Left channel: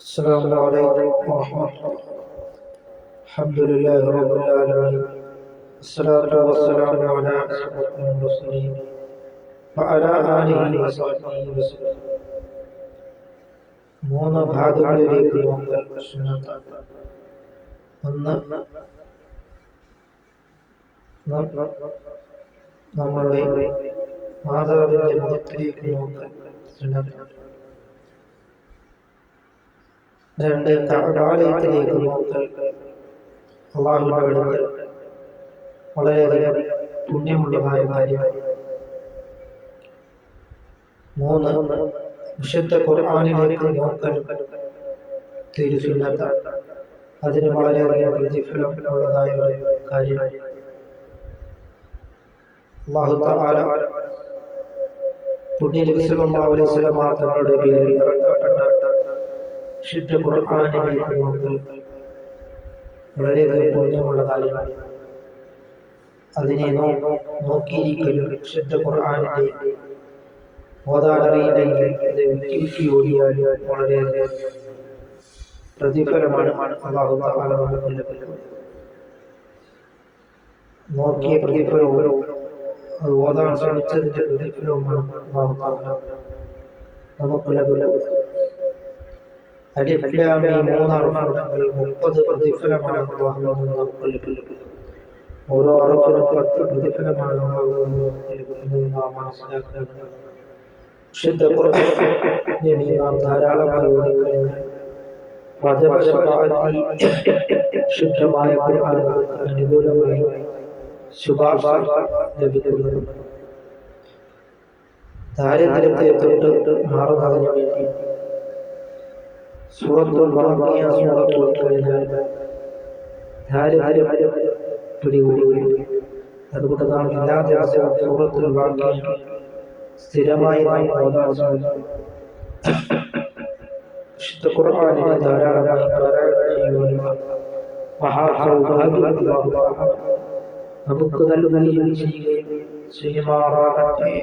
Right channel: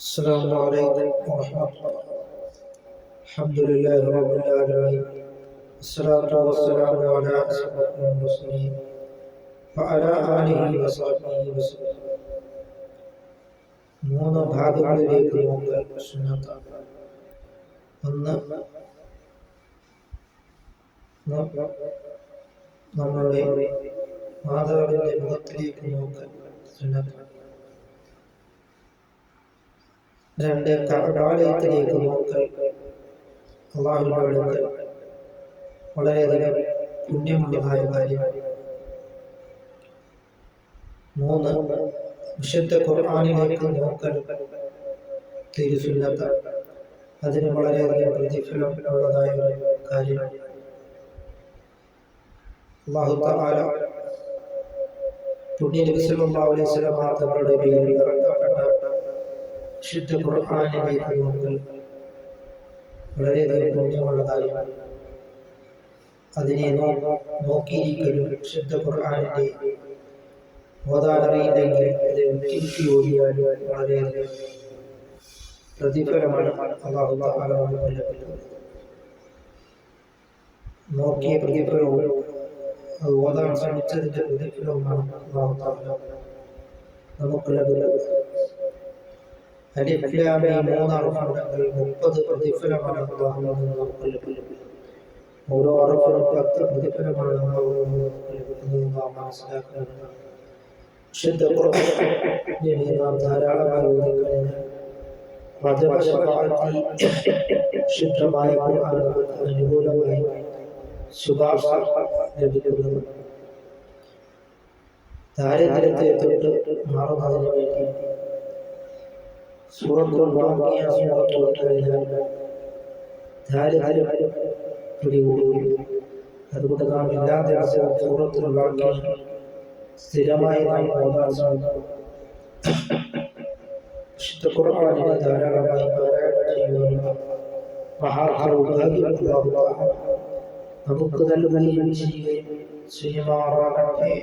السلام عليكم ورحمة الله. الحمد لله رب العالمين، الصلاة والسلام على أشرف المرسلين وعلى آله وصحبه وسلم. മൂന്ന് ഭാഗങ്ങളിലേക്ക് നോക്കൽ സുന്നത്താണ്. ഒന്ന്, നമ്മളുടെ മാതാവിന്റെ മുഖത്തിലേക്ക് നോക്കൽ സുന്നത്താണ്. രണ്ട്, കഅബാലയത്തിലേക്ക് നോക്കൽ അല്ലാഹുവിന്റെ അടുക്കൽ വളരെയധികം പുണ്യമുള്ളതായ കാര്യമാണ്. മൂന്ന്, വിശുദ്ധ ഖുർആനിലേക്ക് നോക്കൽ തിരുസുന്നത്താണ്. അതിന് വളരെയധികം പ്രതിഫലം ഉള്ളതായ ഒരു കാര്യമാണ്. അല്ലാഹു തആല പുണ്യനബി സല്ലല്ലാഹു അലൈഹി വസല്ലം തങ്ങളുടെ പേരിൽ ഇറക്കപ്പെട്ട വിശുദ്ധ ഖുർആനിലേക്ക് നോക്കൽ വളരെയധികം പുണ്യമുള്ള കാര്യമാണ്. അതിനെ നോക്കിയിരിക്കലും വിശുദ്ധ ഖുർആനിന്റെ ഓതാനറിയില്ലെങ്കിൽ അത് ഉച്ചരിച്ച് ഓടിയാലും വളരെയധികം പ്രതിഫലമാണ് അല്ലാഹു തആല നമുക്ക് ലഭിക്കുന്നത്. നോക്കിയ പ്രതിഫലവും അത് ഓതാൻ ശ്രമിച്ചതിന്റെ പ്രതിഫലവുമാണ് അല്ലാഹു തആല നമുക്ക് ലഭിക്കുന്നത്. അലിഫ് ലാം മീം മൂന്നറുഫുണ്ടെങ്കിൽ 30 പ്രതിഫലമാണ് അല്ലാഹുവിൽ നിന്ന് നമുക്ക് ലഭിക്കുന്നത്. ഓരോ അറുഫിനും 10 പ്രതിഫലമാണ് അല്ലാഹുവിൽ നിന്ന് നമുക്ക് ലഭിക്കുന്നത്. നാം മനസ്സിലാക്കണം. വിശുദ്ധ ഖുർആനിനെ നാം ധാരാളമായി ഓതിക്കഴിഞ്ഞാൽ ശുദ്ധമായ ഖുർആൻ അനുകൂലമായി ശുപാർശ ലഭിക്കുന്നത്. ദാരിദ്ര്യത്തെ തൊട്ട് മാറുന്നതിന് വേണ്ടി സൂറത്തുൽ വാഖിയ സൂറത്ത് ഓതിക്കഴിഞ്ഞാൽ ദാരിദ്ര്യം പിടികൂടുകയും അതുകൊണ്ട് നാം എല്ലാ ദിവസവും സൂറത്തുൽ വാഖിയ സ്ഥിരമായി നാം ഓതാൻ ശ്രമിക്കണം. വിശുദ്ധ ഖുർആനിനെ ധാരാളമായി പാരായണം ചെയ്യുവാനുള്ള മഹാഭാഗ്യം അല്ലാഹു തആല നമുക്ക് നൽകുകയും ചെയ്യുമാറാകട്ടെ.